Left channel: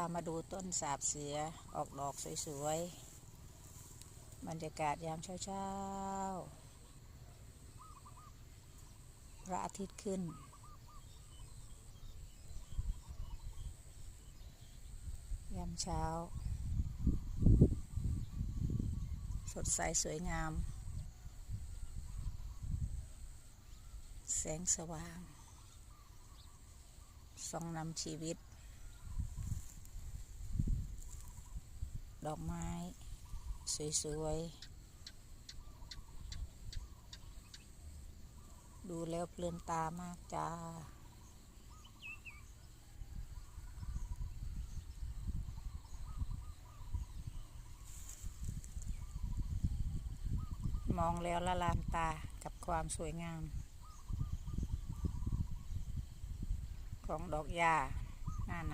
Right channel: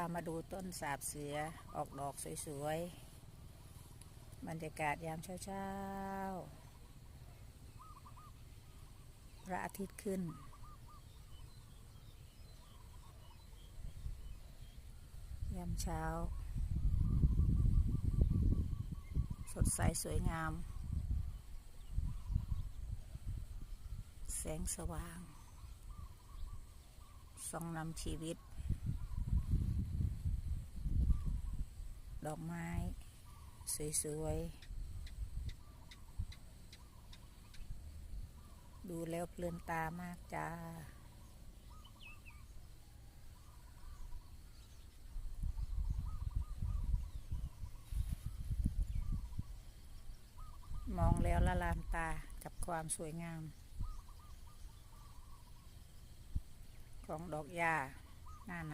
ามาดูต้นสาบเสือออกดอกสวยๆ บรรยากาศยามเช้าๆ พระอาทิตย์ขึ้น ยามเช้า สดใสสวยงาม แสงสว่างส่องนำชีวิต ดอกไม้ สวยๆ ดูแล้วเพลินตามากจ้า มองแล้วละลานตากับความสวยงาม ของดอกหญ้าหน้าน